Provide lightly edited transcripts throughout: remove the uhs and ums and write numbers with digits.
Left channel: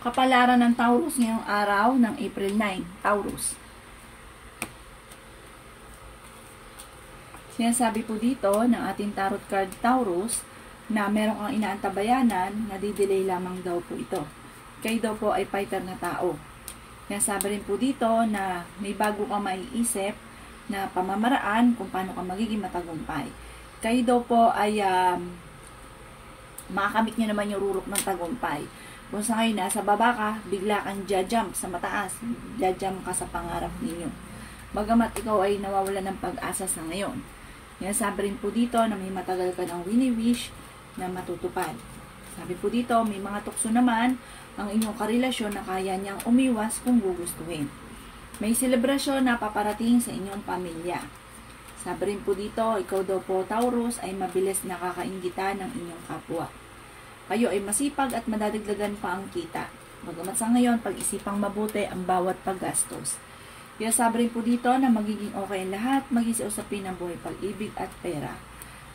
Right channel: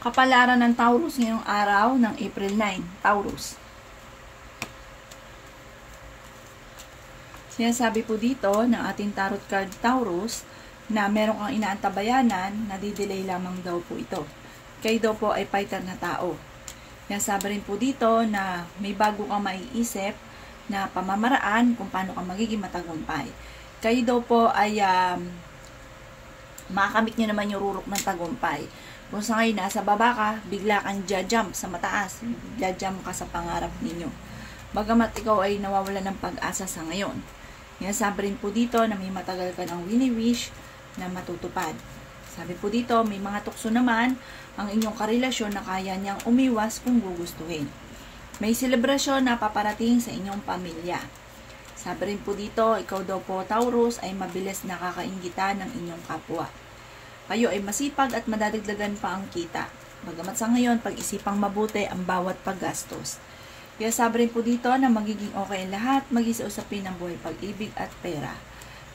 Kapalaran ng Taurus ngayong araw ng April 9. Taurus. Sinasabi po dito ng ating tarot card Taurus na meron kang inaantabayanan, nadidelay lamang daw po ito. Kayo daw po ay fighter na tao. Sinasabi rin po dito na may bago kang maiisip na pamamaraan kung paano ka magiging matagumpay. Kayo daw po ay makakamit nyo naman yung rurok ng tagumpay. Kung sa ngayon nasa baba ka, bigla kang jajump sa mataas. Jajump ka sa pangarap ninyo. Bagamat ikaw ay nawawala ng pag-asa sa ngayon. Yan, sabi rin po dito na may matagal ka ng wini-wish na matutupad. Sabi po dito, may mga tukso naman ang inyong karelasyon na kaya niyang umiwas kung gugustuhin. May selebrasyon na paparating sa inyong pamilya. Sabi rin po dito, ikaw daw po Taurus ay mabilis nakakainggitan ng inyong kapwa. Kayo ay masipag at madadagdagan pa ang kita. Bagamat sa ngayon, pag-isipang mabuti ang bawat paggastos. Kaya sabi rin po dito na magiging okay ang lahat, mag-isiusapin ang buhay, pag-ibig at pera.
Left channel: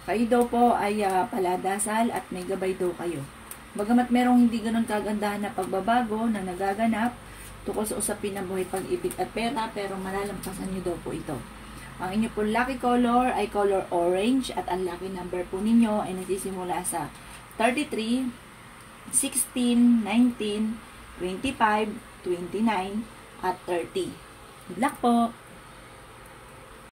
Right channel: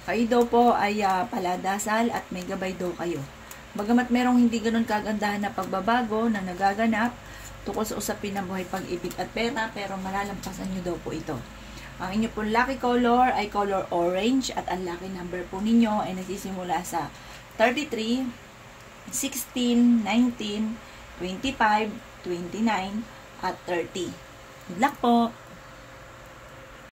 Kayo daw po ay paladasal at may gabay daw kayo. Bagamat merong hindi ganun kagandahan na pagbabago na nagaganap tukol sa usapin ng buhay, pag-ibig at pera, pero malalampasan nyo daw po ito. Ang inyo po lucky color ay color orange at ang lucky number po ninyo ay nagsisimula sa 33, 16, 19, 25, 29, at 30. Good luck po!